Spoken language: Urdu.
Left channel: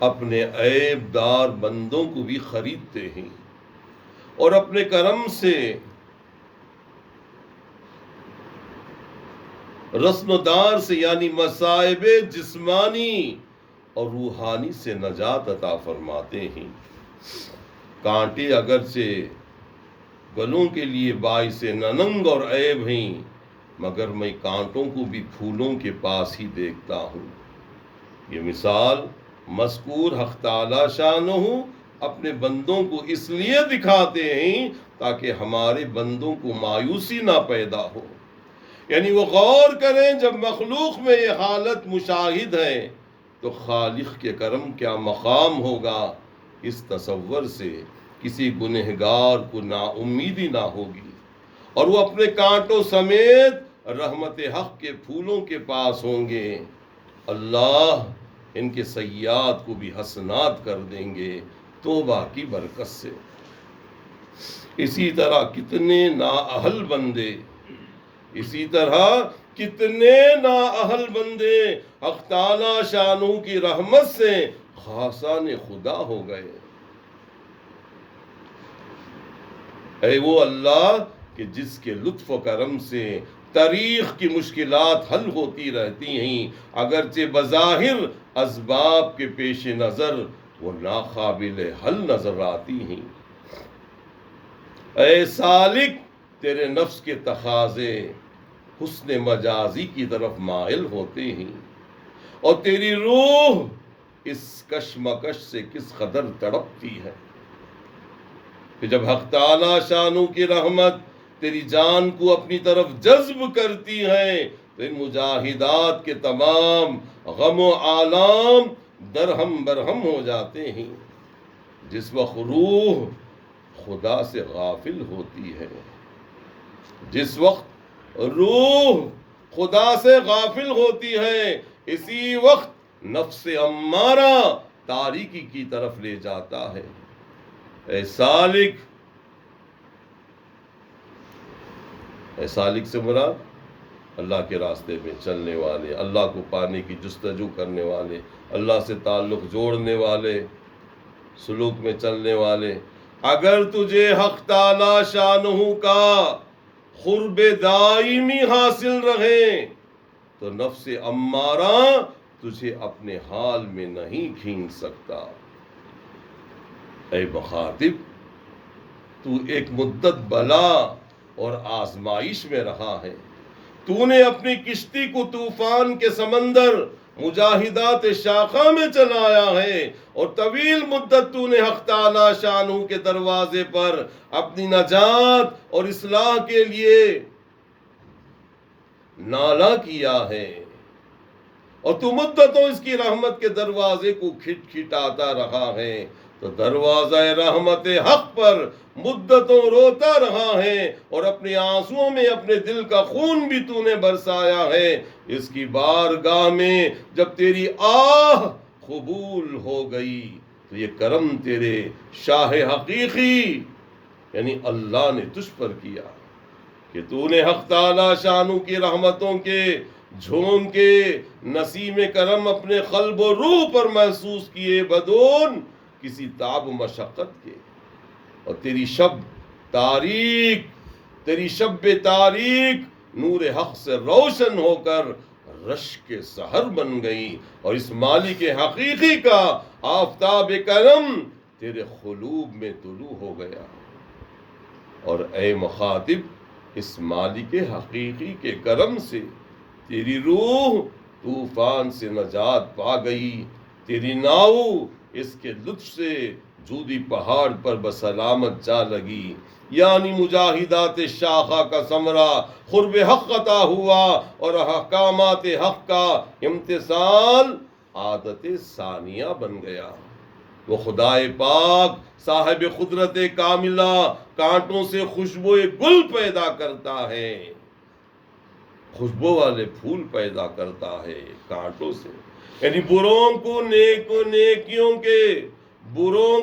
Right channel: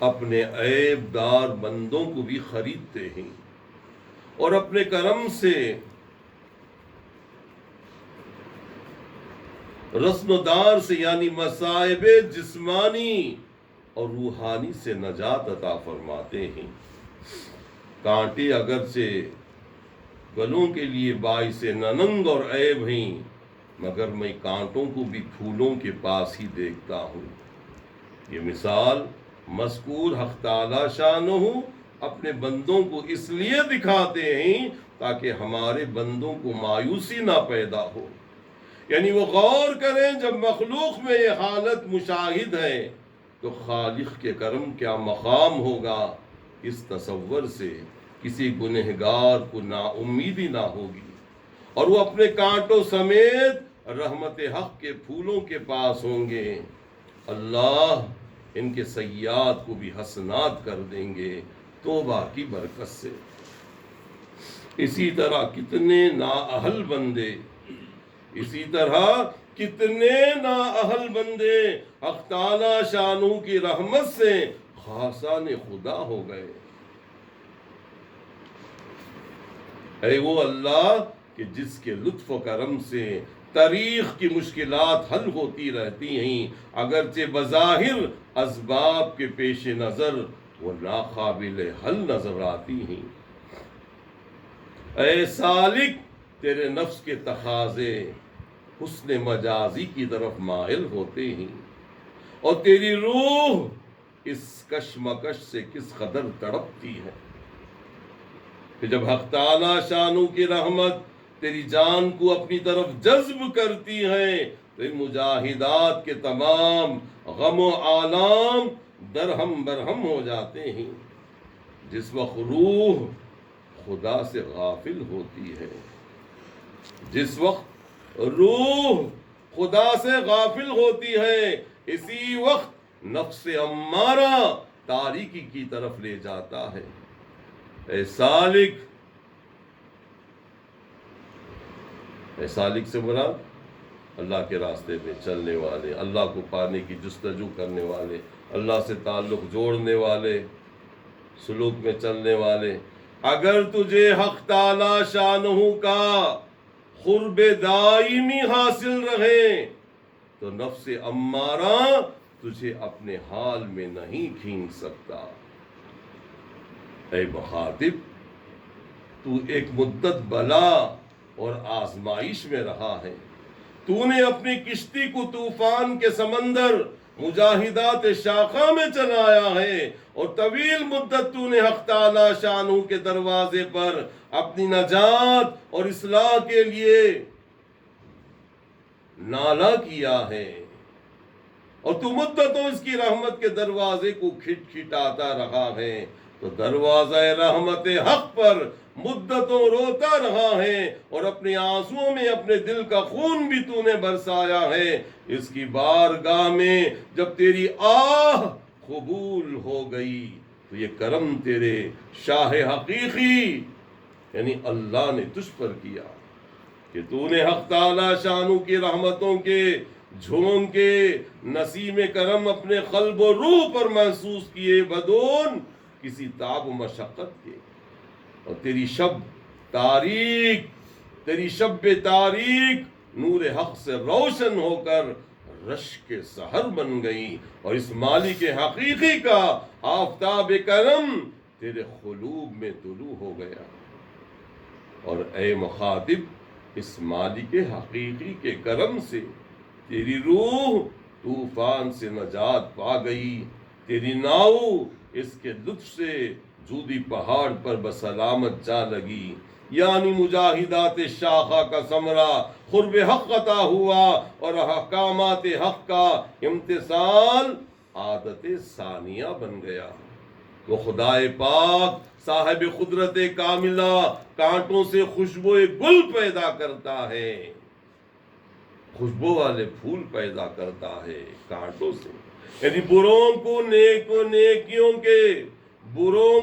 اپنے عیب دار بندوں کو بھی خریدتے ہیں اور اپنے کرم سے رسن و دار سے یعنی مصائب جسمانی اور روحانی سے نجات عطا فرماتے ہیں۔ کانٹے اگرچہ گلوں کے لیے باعث ننگ اور عیب ہیں، مگر میں کانٹوں کو بھی پھولوں کے پاس ہی دیکھتا ہوں۔ یہ مثال مذکور حق تعالی شانہ اپنے بندوں کو اس لیے دکھاتے ہیں تاکہ ہمارے بندوں کو مایوسی نہ پیدا ہو، یعنی وہ غور کریں جب مخلوق میں یہ حالت مشاہد ہے تو خالق کے کرم کیا مقام ہوگا۔ اس تصور سے کسی گنہگار کو نا امیدی نہ ہوگی اور وہ اپنے کانٹوں سمیت رحمت حق کے پھولوں کے پاس ہوں گے۔ اللہ ان کے سیئات کو بھی حسنات کر دیں گے توبہ کی برکت سے۔ اسی طرح کتنے نااہل بندے حق تعالی شانہ کی رحمت سے خاصان خدا ہو گئے۔ اے وہ اللہ کہ جس کے لطف و کرم سے تاریخ کی مشکلات حل ہوتی رہتی ہیں، اگرچہ بظاہر اسباب کے پیش نظر وہ ناقابل حل نظر آتی ہیں۔ اے سالک تیرے نفس کے تقاضے حسن مجازی کی طرف مائل ہوتے ہیں اور تیری روح اس کشمکش سے کس قدر تڑپتی ہے کہ جب حق تعالی شانہ کی رحمت تیری جان کو اپنی طرف جذب کرتی ہے تو ان مجاہدات کے تمام غم و آلام درہم برہم ہو جاتے ہیں۔ جس وقت روح خدا سے غافل ہوتی ہے، اسی وقت نفس امارہ تاریکی کی طرف لے جاتا ہے۔ اے سالک سے مراد اللہ کے راستے میں چلنے والے، اللہ کو پانے کی جستجو کرنے والے، اللہ سے تعلق جوڑنے والے، سلوک میں چلنے والے۔ اگر تجھے حق تعالی شانہ کا قرب دائمی حاصل رہے تو نفس امارہ تجھے اپنے حال میں نہیں کھینچ سکتا۔ اے مخاطب، تو ایک مدت بلا اور آزمائش میں رہا ہے۔ تو نے اپنی کشتی کو طوفان کے سمندر مجاہدات شاخہ میں چلایا ہے اور طویل مدت تو نے حق تعالی شانہ کے دروازے پر اپنی نجات اور اصلاح کے لیے نالہ کیا ہے اور تو مدتوں اس کی رحمت کے دروازے کو کھٹکھٹاتا رہا ہے، تو دروازہ رحمت حق پر مدتوں روتا رہا ہے اور اپنے آنسوؤں میں اپنے دل کا خون بھی تو نے برسایا ہے۔ اس کی بارگاہ میں جب تیری آہ قبول ہو گئی تو یہ کرم تیرے شاہ حقیقی یعنی اللہ نے تجھ پر کیا کہ تو نے حق تعالی شانہ کی رحمتوں کے جھونکے نسیم کرم اپنے قلب و روح پر محسوس کیے بدون کسی تعب و مشقت کے، اور تیری شب تاریک نور حق سے روشن ہو کر رشک سحر بن گئی، اور اس مالک حقیقی کا آفتاب کرم تیرے قلوب میں طلوع ہو گیا۔ اور اے مخاطب، اس مالک حقیقی کے کرم سے تیری روح طوفان سے نجات پا گئی، تیری ناؤ اس کے لطف سے جودی پہاڑ پر بسلامت جا لگی، یعنی مجاہدات شاخہ کا ثمرہ قرب حق عطا ہوا اور احکامات حق کا امتثال عادت ثانیہ بن گیا۔ وہ خدائے پاک صاحب قدرت کاملہ کانٹوں سے خوشبو گل پیدا کرتا ہے، خوشبو والے پھول پیدا کرتا ہے کانٹوں سے، یعنی بروں کو نیکیوں کے بروں